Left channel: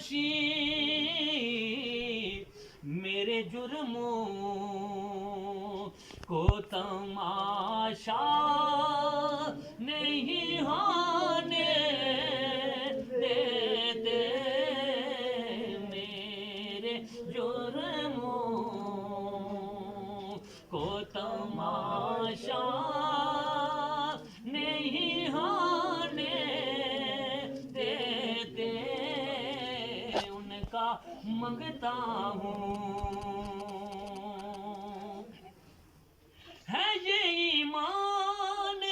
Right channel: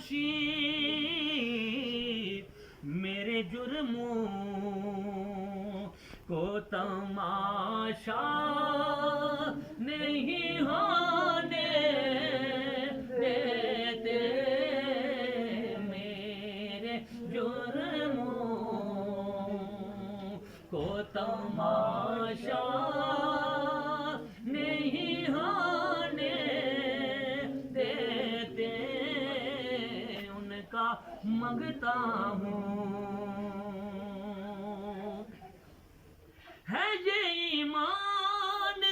نوشی میرے جرموں کو تماشا نہیں ہونے دیتے، میرے جرموں کو تماشا نہیں ہونے دیتے، ان کا منگتا ہوں ہے یہ ایمان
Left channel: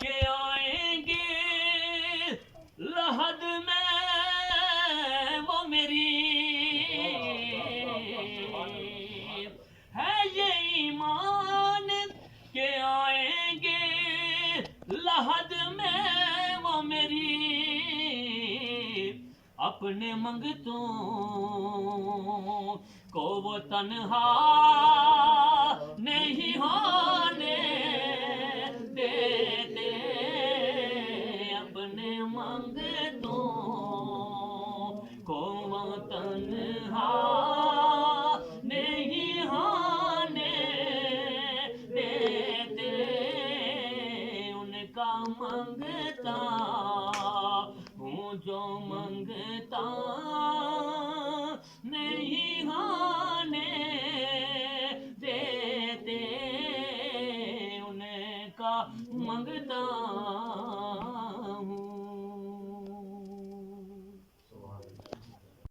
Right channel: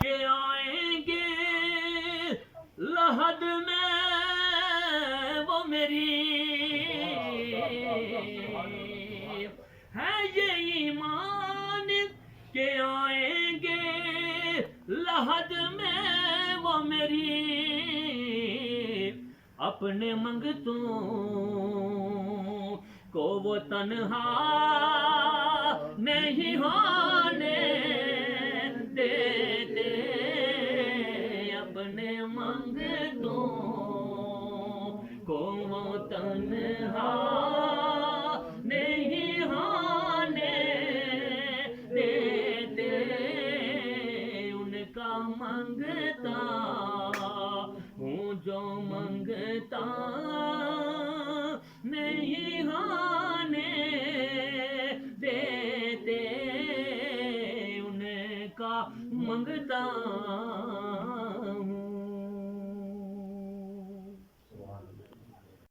کہ آئیں گے لحد میں وہ میری، ہے یہ ایمان کہ آئیں گے لحد میں وہ میری، اپنے منگتوں کو وہ تنہا نہیں ہونے دیتے، اپنے منگتوں کو وہ تنہا نہیں ہونے دیتے، ان کا منگ